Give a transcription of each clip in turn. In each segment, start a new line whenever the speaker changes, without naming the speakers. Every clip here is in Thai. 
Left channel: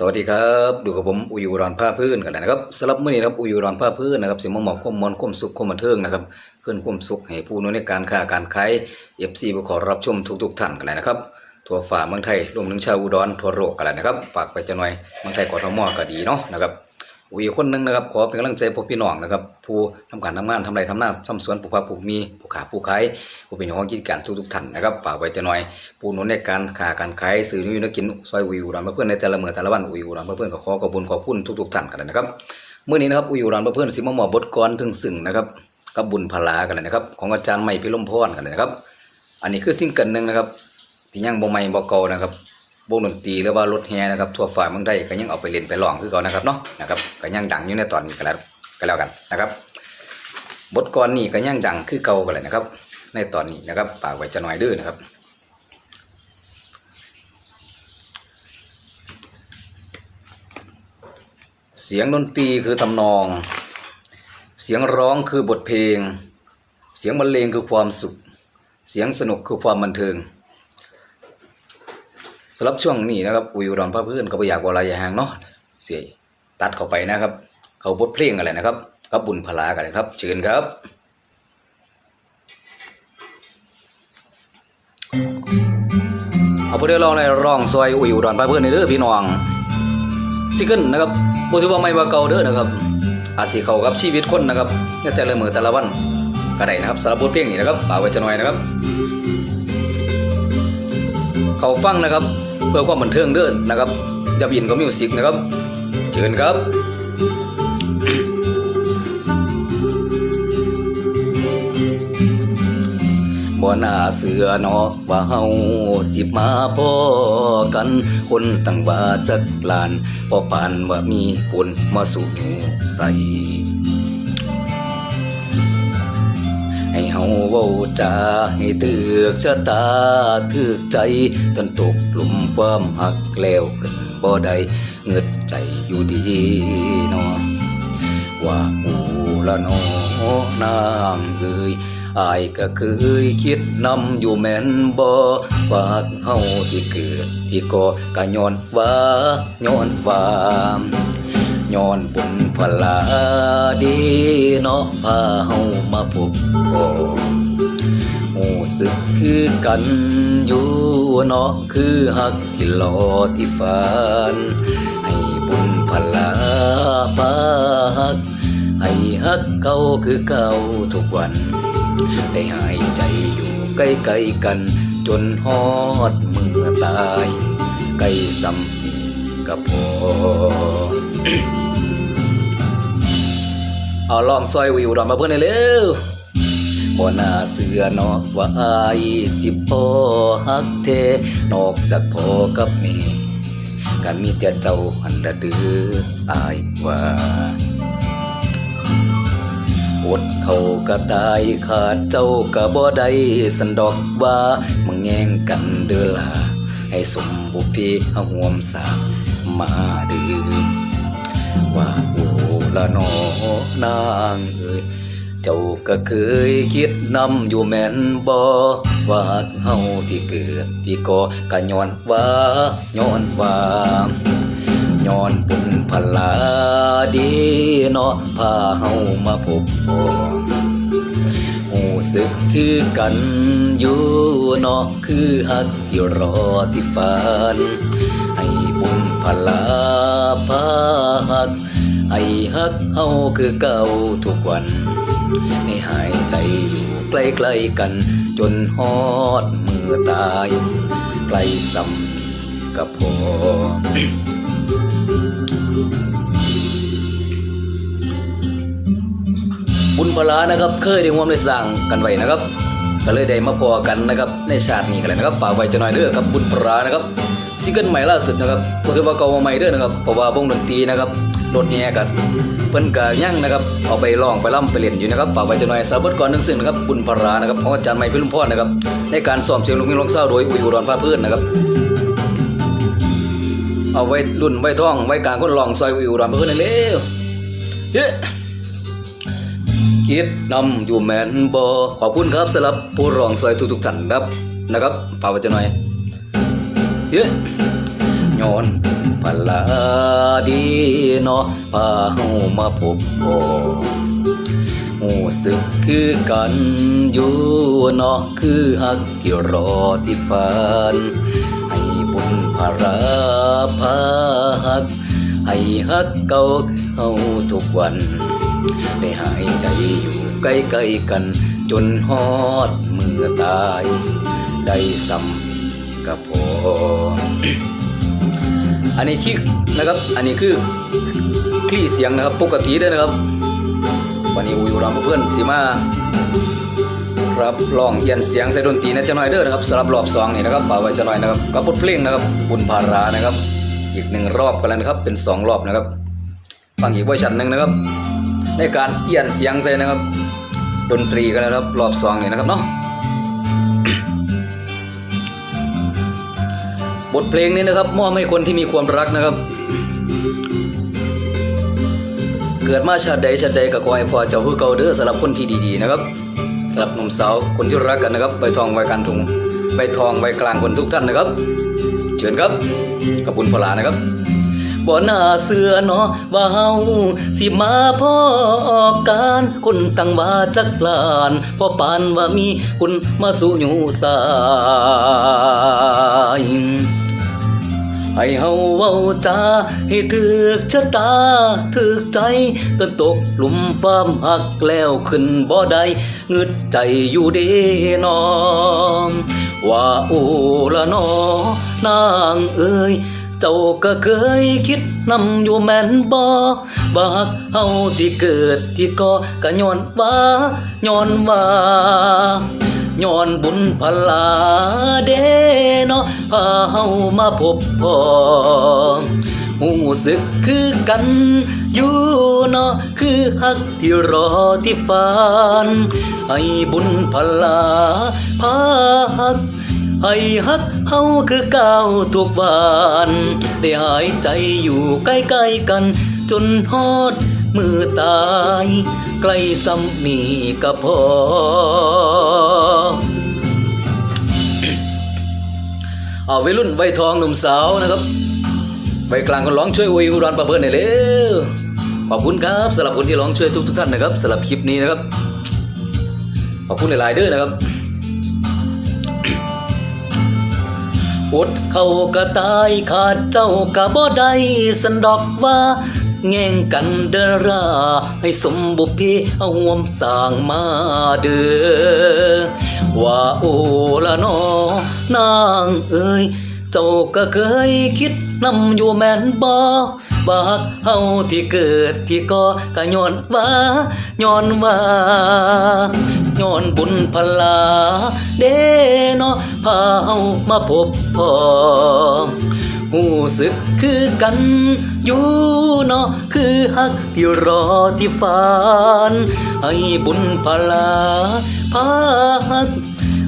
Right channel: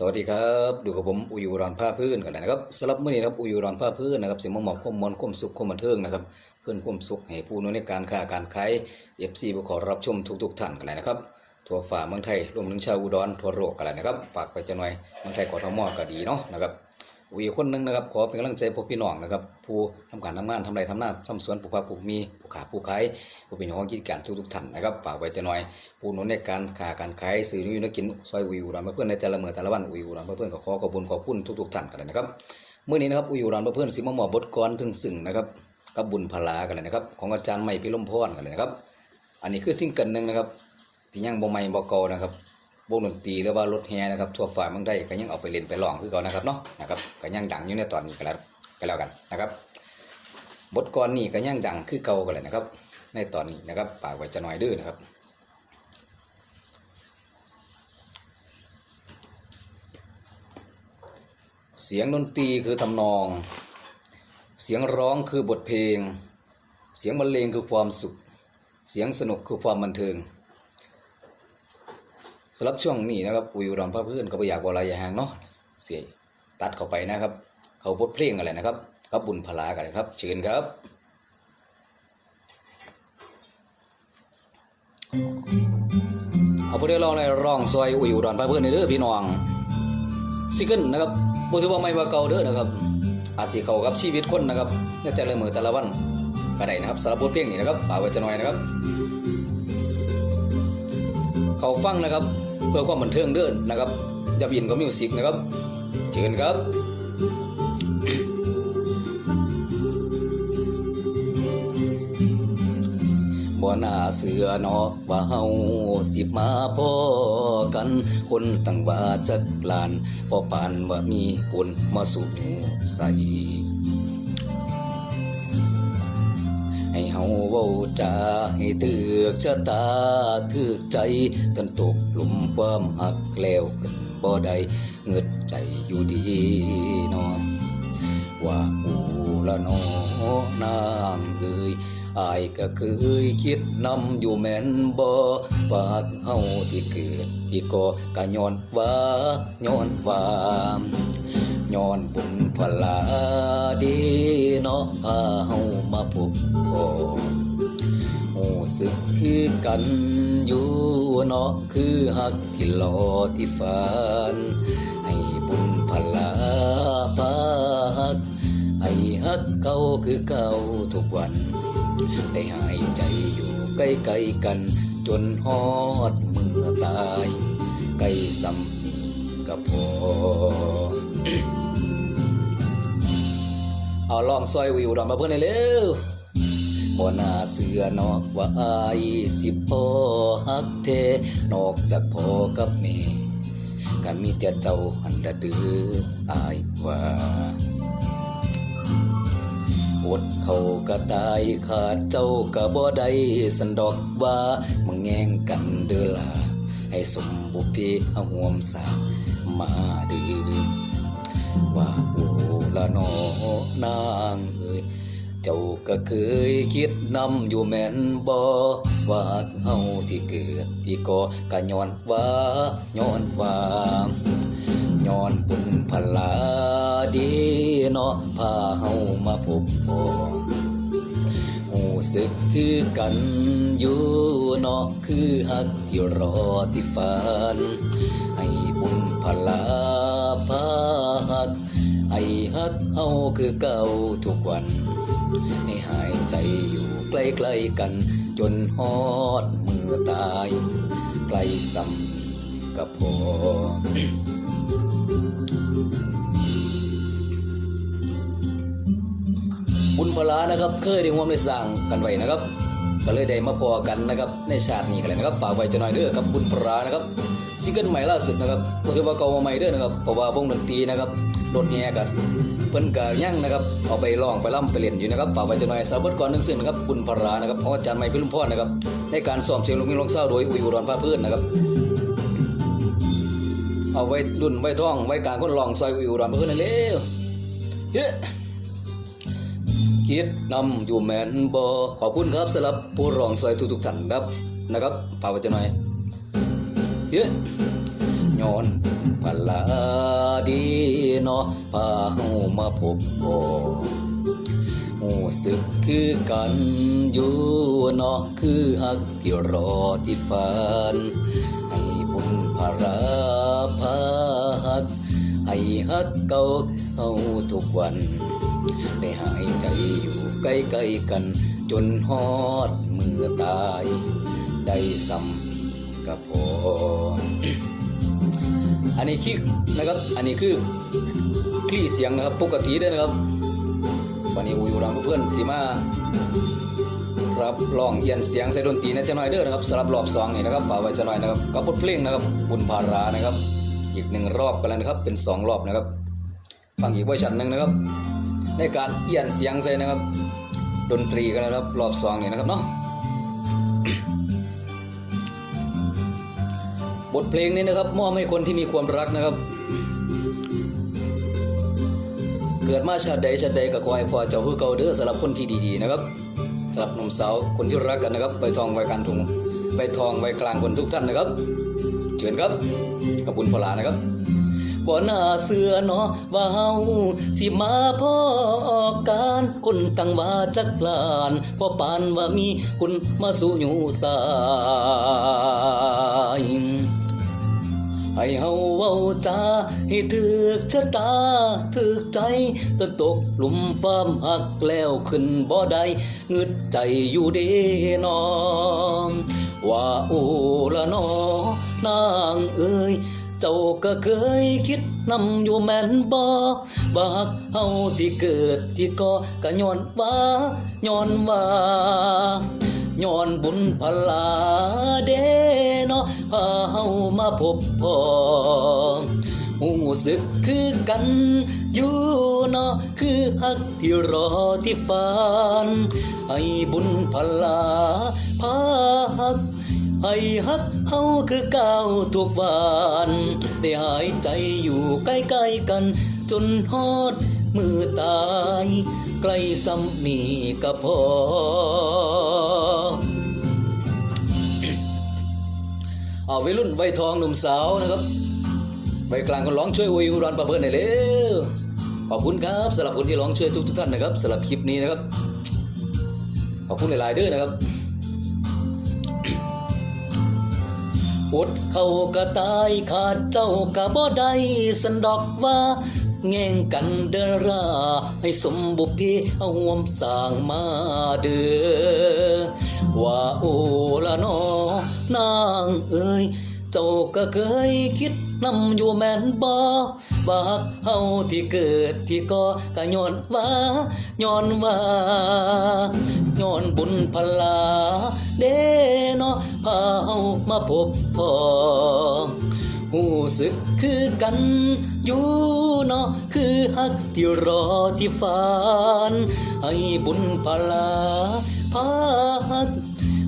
สวัสดีครับดูกับผมอุยอุรอนผ้าพื้นกันนะครับสำหรับมื่อนี้ครับอุยอุรอนผ้าพื้นนะครับสิมหมอบความมอนความสุขความบันเทิงนะครับขึ้นความสุขให้ผู้นู้นในการค้าการขายเอฟซีผู้ขอรับชมทุกๆท่านกันเลยนะครับทั่วฝ่าเมืองไทยรวมถึงชาวอุดรทั่วโลกกันเลยนะครับฝากไปจะหน่อยเมืองไทยกทมก็ดีเนาะนะครับ อุยคนหนึงนะครับ ขอเป็นกำลังใจพวกพี่น้องนะครับ ผู้ทำการทำงานทำไรทำหน้าทำสวนปลูกผักปลูกมีผู้ขาผู้ขายผู้เป็นของกิจการทุกๆท่านนะครับฝากไว้จะหน่อยผู้นุนในการค้าการขายสื่อนิวนักกินซอยวิวรันเพื่อนในแต่ละเมือแต่ละวันวิวรันเพื่อนก็ขอขอบคุณขอบคุณทุกๆท่านกันเลยนะครับเมื่อนี้นะครับวิวรันเพื่อนสิมหมอบบทกรถึงสึ่งนะครับกับบุญพลากันเลยนะครับ ของอาจารย์ใหม่พิลมพรกันเลยนะครับ อันนี้คือซิ่งเกิลหนึ่งนะครับที่ยังบ่ใหม่บ่เก่านะครับ วงดนตรีหรือว่ารถแห่นะครับทั่วฝ่ายเมืองไทยก็ยังเอาไปเล่นไปร้องคือเก่านะครับเนาะนะครับก็ยังดังอยู่ในตอนนี้ก็แล้วก็แล้วกันนะครับ บทกรนี่ก็ยังดังคือเก่ากันเลยนะครับ ในตอนนี้นะครับฝากไว้จะหน่อยเด้อนะครับเสียงดนตรีคือทำนอง เสียงร้องคือบทเพลง เสียงบรรเลงคือความสุข เสียงสนุกคือความบันเทิง สำหรับช่วงนี้นะครับอุยอุดรพระเพื่อนก็ไปอยากวลายาหางเนาะเสียตัดเข้าไปนะครับ เขาบทเพลงอะไรนะครับกับบุญพลากันนะครับเชิญครับ เอาพอได้ลองในร้องซอยอุยอุดรพระเพื่อนในเด้อพี่น้องซิงเกิลนะครับบ่ถือว่าไม่ว่าเก่าเด้อนะครับ อาจสิเขากับชีวิตคนนะครับในแต่ละมือแต่ละวันก็ได้นะครับสำหรับบทเพลงนี้นะครับฝากไว้จะหน่อยนะครับ เขาฟังนะครับ เพื่อความบันเทิงเด้อนะครับอย่าบินกับมิวสิกนะครับเชิญครับบ่น่าเสือเนาะว่าเฮาสิมาพอกัน คนตั้งว่าจักลานพอปานว่ามีปุ่นมาสู่ใส่ เฮาว้าจาให้ตึกชะตาถึกใจจนตกหลุมความหักแล้วกันบ่ได้เงึดใจอยู่ดีเนาะว่าอูละนอนางเอ่ยอายก็เคยคิดนำอยู่แม่นบ่ว่าเฮาที่เกิดที่ก็กะย้อนว่าย้อนว่าย้อนบุญพลาดีเนาะพาเฮามาพบพ่อ สึกคือกันอยู่เนาะคือหักที่รอที่ฝันให้บุญพลาพาหัก ให้ฮักเก่าคือเก่าทุกวัน ได้หายใจอยู่ใกล้ๆกัน จนฮอดเมื่อตาย ใกล้ซ้ำนีก็พอเอาลองซอยวิวดอนมาเพื่อนหน่อยเร็ว บ่น่าเสือเนอกว่าอายสิพ่อฮักเทนอกจากพ่อกับแม่กันมีแต่เจ้าหันระดืออายว่าอดเขาก็ตายขาดเจ้าก็บ่ได้สันดอกว่ามึงแย่งกันเด้อล่ะให้สมบุพเพเฮาห่วมสามาดือว่าโอละนอนางเอ เจ้าก็เคยคิดนำอยู่แม่นบ่ว่าเฮาที่เกิดที่ก็กะย้อนว่าย้อนว่าย้อนบุญพลาดีเนาะพาเฮามาพบพ่หูสึกคือกันอยู่เนาะคือฮักที่รอที่ฝันให้บุญพลาพาฮัก ฮักเฮาคือเก่าทุกวันให้หายใจอยู่ใกล้ๆกัน จนฮอดมือตายใกล้ซ้ำนี้ก็พอบุญพลานะครับ เคยได้ร่วมได้สร้างกันไว้นะครับก็เลยได้มาพอกันนะครับในชาตินี้กันเลยนะครับฝากไว้จะหน่อยเด้อครับบุญพลานะครับซิงเกิลใหม่ล่าสุดนะครับก็ถือว่าเก่ามาใหม่เด้อนะครับเพราะว่าวงดนตรีนะครับ รถแห่กับเพิ่นก็ยังนะครับเอาไปร้องไปร่ำไปเล่นอยู่นะครับฝากไว้จะหน่อยสาวเบิดก่อนนึงซึ่งนะครับบุญพลานะครับของอาจารย์ใหม่พิรุมพรนะครับในการซ้อมเสียงลูกมิ่งลงเศร้าโดยอุยอุดรพาเพื่อนนะครับเอาไว้รุ่นไว้ท่องไว้กลางคนลองซอยอุยอุดรพาเพื่อนนั่นเร็วเฮ้คิดนำอยู่แมนบอขอบคุณครับสำหรับผู้ร้องซอยทุกๆท่านครับนะครับฝากไว้จะหน่อยเย้ย้อนพลา ดีเนาะพาเฮามาพบพอหูสึกคือกันอยู่เนาะคือฮักที่รอที่ฝันให้บุญพาราพาฮัก ให้ฮักเก่าเฮาทุกวัน ได้หายใจอยู่ใกล้ๆกัน จนฮอดมือตาย ได้ซ้ำกับพอ อันนี้คือนะครับ อันนี้คือคลี่เสียงนะครับปกติด้อนะครับ วันนี้อูอยู่รำเพื่อนสิมาครับลองเอียนเสียงใส่ดนตรีนะจะน่อยเด้อนะครับสำหรับรอบสองนี่นะครับฝากไว้จะน่อยนะครับกับบทเพลงนะครับบุญพารานะครับ อีกหนึ่งรอบกันแล้วนะครับเป็นสองรอบนะครับฟังอีกเวอร์ชันหนึ่งนะครับ ในการเอียนเสียงใส่นะครับ ดนตรีกันนะครับ รอบสองนี่นะครับเนาะ บทเพลงนี้นะครับ มอบให้คนที่มีความรักนะครับ เกิดมาชาติใดชาติใดก็ขอให้พ่อเจ้าคือเก่าเด้อสำหรับคนที่ดีๆนะครับสำหรับหนุ่มสาวคนที่รักกันนะครับใบทองใบกลางถุงใบทองใบกลางคนทุกท่านนะครับ เชิญครับขอบคุณพลานะครับบ่น่าเสือเนาะว่าเฮาสิมาพ่อการคนตั้งว่าจักปลานพอปานว่ามีคุณมาสู่อยู่สาย ให้เฮาเว้าจาให้ถึกชะตาถึกใจจนตกหลุมความหักแล้วขึ้นบ่ได้งึดใจอยู่เด้น้องว่าโอละนอนางเอ้ยเจ้าก็เคยคิดนำอยู่แม่นบ่บากเฮาที่เกิดที่ก่อก็ย้อนว่าย้อนว่า ย้อนบุญพลาเดเนาะพาเฮามาพบพ่อหูสึกคือกันอยู่เนาะคือฮักที่รอที่ฝันให้บุญพลาพาฮักให้ฮักเฮาคือก้าวทุกวันได้หายใจอยู่ใกล้ๆกัน จนฮอดมือตาย ใกล้ซ้ำนี่ก็พอ เอาวัยรุ่นวัยทองหนุ่มสาวนะครับวัยกลางคนร้องช่วยอวยอุดรประเบิดหน่อยเร็วขอบคุณครับสำหรับคนที่ร้องช่วยทุกทุกท่านนะครับสำหรับคลิปนี้นะครับขอบคุณหลายๆเด้อนะครับอดเข้ากะตายขาดเจ้ากะบ่ได้สันดอกว่า แง่งกันเดรา ให้สมบุพเพเอาวมสร้างมาเด้อว่าโอละนอนางเอ้ย เจ้าก็เคยคิดนำอยู่แม่นบ่บากเฮาที่เกิดที่ก่อก็ย้อนว่าย้อนว่าย้อนบุญพลา เด้เนาะพาเฮามาพบพ่อ หูสึกคือกันอยู่เนาะคือฮักที่รอที่ฝันให้บุญพลาพาฮัก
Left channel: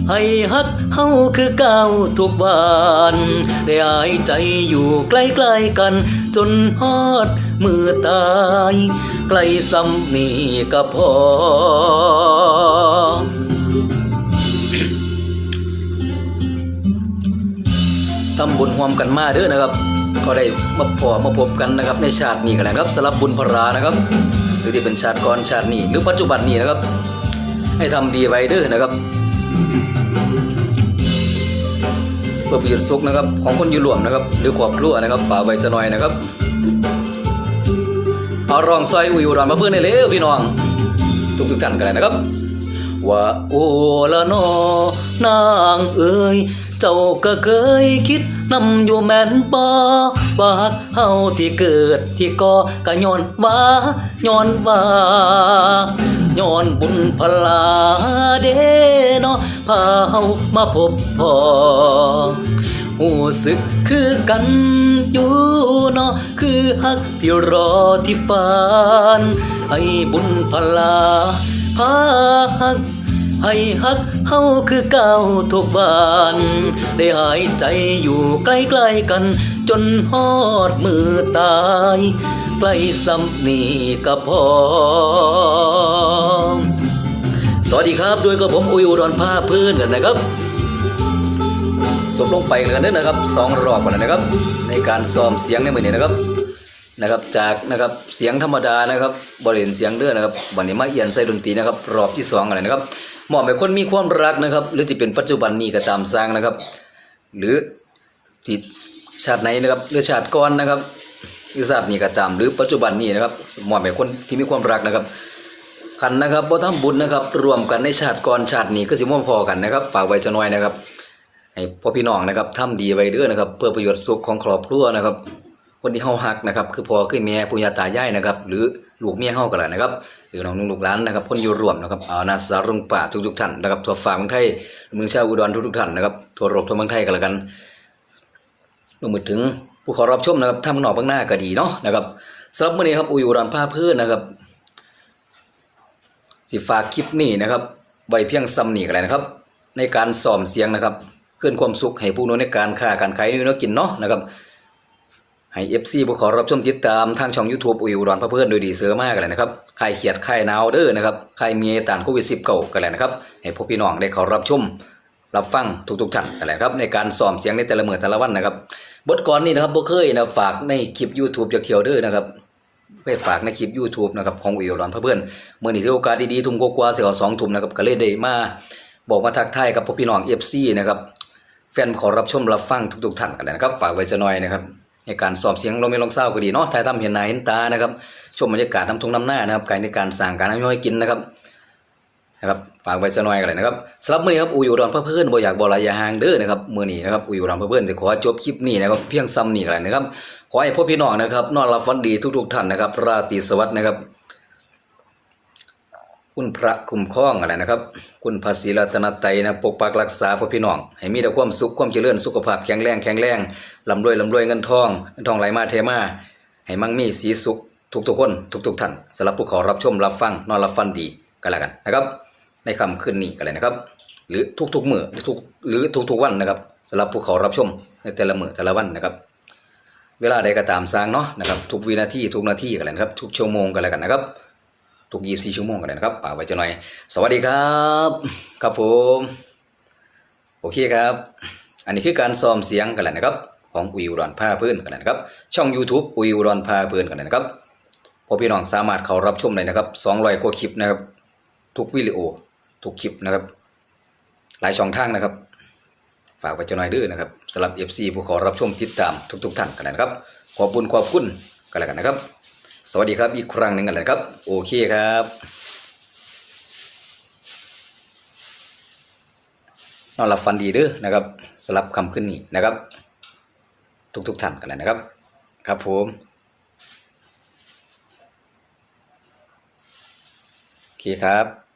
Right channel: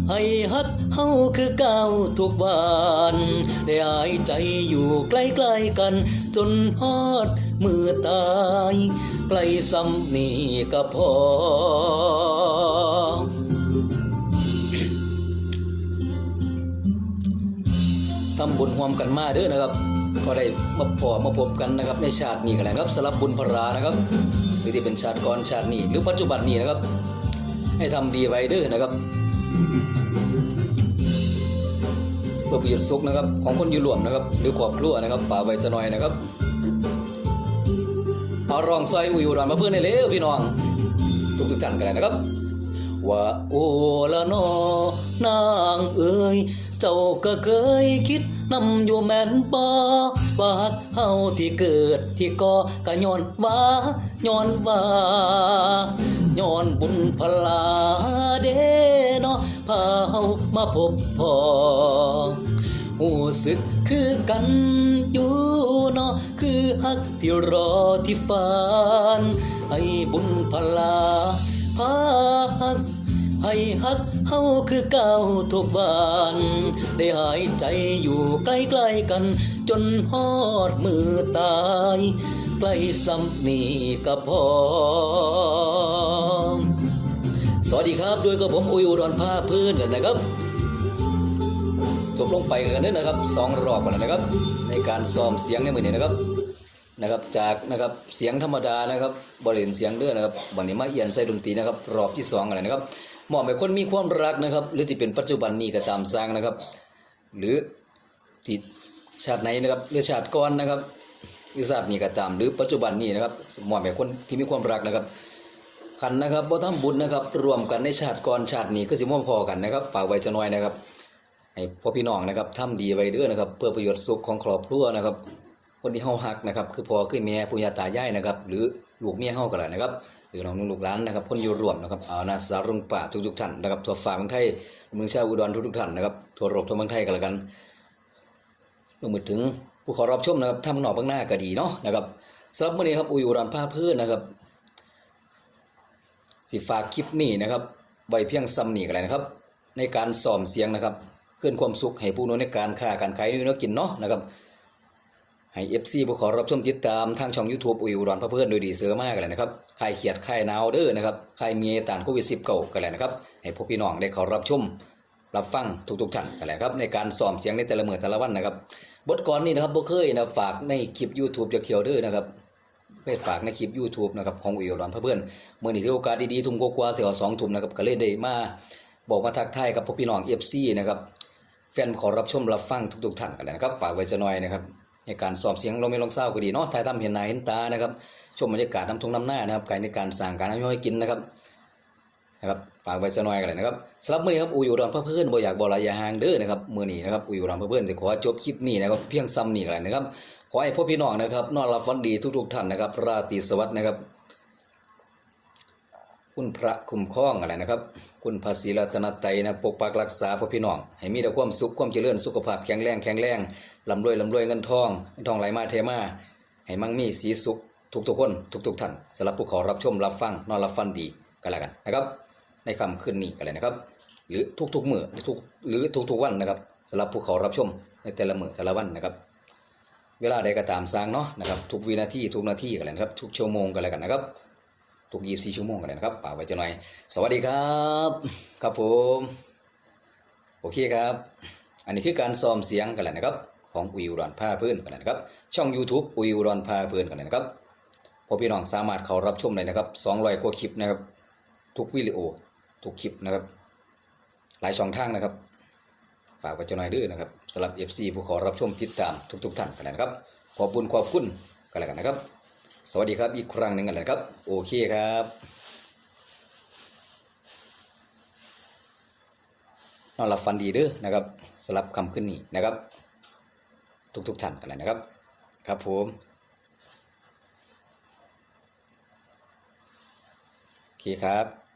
ให้ฮักเฮาคือก้าวทุกวันได้หายใจอยู่ใกล้ๆกัน จนฮอดมือตาย ใกล้ซ้ำนี่ก็พอ วมกันมาเด้อนะครับ ก็ได้มาพอมาพบกันนะครับในชาตินี้กันนะครับสำหรับบุญพรานะครับ หรือที่เป็นชาติก่อนชาตินี้หรือปัจจุบันนี้นะครับ ให้ทำดีไว้เด้อนะครับเพื่อประโยชน์สุขนะครับ ของคนอยู่รวมนะครับ หรือครอบครัวนะครับฝากไว้จะหน่อยนะครับเอารองซอยอุยอุดรมาเพื่อนในเร็วพี่น้องทุกทุกท่านกันเลยนะครับว่าโอละนอนางเอ้ย เจ้าก็เคยคิดนำอยู่แม่นบ่บากเฮาที่เกิดที่ก่อก็ย้อนว่าย้อนว่าย้อนบุญพลาเด้เนาะพาเฮามาพบพ่อหูสึกคือกันอยู่เนาะคือฮักที่รอที่ฝันให้บุญพลาพาฮัก ให้ฮักเฮาคือก้าวทุกวันได้หายใจอยู่ใกล้ๆกัน จนฮอดมือตาย ใกล้ซ้ำนี่ก็พอสวัสดีครับด้วยกับผมอุยอุดรภาพื้นนะครับ จบลงไปกันเด้อนะครับสองรอบกันแล้วนะครับ ในการซ้อมเสียงในมือนี้นะครับนะครับจากนะครับเสียงธรรมดานะครับบริเวณเสียงเด้อนะครับวันนี้มาเอียนใส่ดนตรีนะครับรอบที่สองอะไรนะครับ มอบให้คนมีความรักนะครับ หรือที่เป็นปัจจุบันนี้ก็ตามสร้างนะครับ หรือที่ชาติไหนนะครับหรือชาติก่อนนะครับหรือชาตินี้ก็ตาม หรือปัจจุบันนี้นะครับมอบให้คนที่มีความรักนะครับขันนะครับบ่ทำบุญนะครับ รวมกันในชาติก่อนชาตินี้ก็สิม่พอกันนะครับฝากไว้จะน้อยนะครับให้พ่อพี่น้องนะครับทำดีไว้เด้อนะครับ เพื่อประโยชน์สุขของครอบครัวนะครับคนที่เฮาฮักนะครับ คือพ่อคือแม่ปู่ย่าตายายนะครับ หรือลูกเมียเฮาก็แหละนะครับ หรือน้องนุ่งลูกหลานนะครับคนอยู่รวมนะครับเอานาสารุงป่าทุกๆท่านนะครับทั่วฟ้าเมืองไทยเมืองชาวอุดรทุกๆท่านนะครับทั่วโลกทั่วเมืองไทยก็แล้วกันรวมถึงผู้ขอรับชมนะครับทางนอกเบื้องหน้าก็ดีเนาะนะครับสำหรับมื้อนี้ครับอุยอุดรผ้าพื้นนะครับสิฝากคลิปนี้นะครับไว้เพียงซ้ำนี่กันเลยนะครับ ในการซ้อมเสียงนะครับขึ้นความสุขให้ผู้นู้นในการค้าการขายนี่เนกินเนาะนะครับ ให้ FC ผู้ขอรับชมติดตามทางช่อง YouTube อุยอุดรพระเพื่อนโดยดีเสือมากกันเลยนะครับใครเขียดใครหนาวเด้อนะครับใครมีต่านโควิด10เก่ากันเลยนะครับให้พวกพี่น้องได้ขอรับชมรับฟังทุกๆท่านกันเลยครับในการซ้อมเสียงในแต่ละเมื้อแต่ละวันนะครับบทก่อนนี่นะครับบ่เคยนะฝากในคลิป YouTube จะเขียวเด้อนะครับไปฝากในคลิป YouTube นะครับของวิวร้อนเพื่อนเมื่อนี้ที่โอกาสดีๆทุ่มกว่าเสียสองทุ่มนะครับก็เลยได้มาบอกมาทักทายกับพวกพี่น้อง FC นะครับแฟนขอรับชมรับฟังทุกๆท่านกันเลยนะครับฝากไว้จะหน่อยนะครับ ในการสอบเสียงลงไม่ลงเศร้าก็ดีเนาะถ่ายทำเห็นหน้าเห็นตานะครับชมบรรยากาศน้ำทุ่งน้ำหน้านะครับการในการสั่งการน้ำย่อยกินนะครับนะครับฝากไว้จะหน่อยกันเลยนะครับสำหรับมื้อนี้ครับอุยอุดรเพื่อนบ่อยากบ่ลายยาหางเด้อนะครับมื้อนี้นะครับอุยอุดรเพื่อนจะขอจบคลิปนี้นะครับเพียงซ้ำนี่กันเลยนะครับขอให้พ่อพี่น้องนะครับนอนหลับฝันดีทุกๆท่านนะครับราตรีสวัสดิ์นะครับ คุณพระคุ้มครองอะไรนะครับ คุณพระศรีรัตนตรัยนะปกปักรักษาพ่อพี่น้อง ให้มีแต่ความสุขความเจริญสุขภาพแข็งแรงแข็งแรงลำรวยลำรวยเงินทองเงินทองไหลมาเทมาให้มั่งมีสีสุขทุกๆคนทุกๆท่านสำหรับผู้ขอรับชมรับฟังนอนรับฟันดีกันแล้วกันนะครับ ในค่ำคืนนี้กันเลยนะครับ หรือทุกๆมื้อหรือทุกหรือทุกๆวันนะครับสำหรับผู้ขอรับชมในแต่ละมือแต่ละวันนะครับ เวลาใดก็ตามสร้างเนาะนะครับทุกวินาทีทุกนาทีกันเลยนะครับ ทุกชั่วโมงกันแล้วกันนะครับ ทุกยี่สี่ชั่วโมงกันเลยนะครับป่ากไว้จะหน่อย สวัสดีครับ ครับผม โอเคครับ อันนี้คือการซ้อมเสียงกันแหละนะครับ ของอุยอุดรผ้าพื้นกันแหละนะครับ ช่อง YouTube อุยอุดรผ้าพื้นกันเลยนะครับพอพี่น้องสามารถเข้ารับชมได้นะครับ200กว่าคลิปนะครับ ทุกวิดีโอ ทุกคลิปนะครับ หลายช่องทางนะครับ ฝากไว้จะหน่อยด้อนะครับสำหรับ FC ผู้ขอรับชมติดตามทุก ๆ ท่านกันเลยนะครับ ขอบคุณขอบคุณกันแล้วกันนะครับ สวัสดีครับอีกครั้งหนึ่งกันเลยครับ โอเคครับนอนหลับฝันดีเด้อนะครับสลับคำขึ้นนี่นะครับ ทุกๆท่านกันเลยนะครับ ครับผมโอเคครับ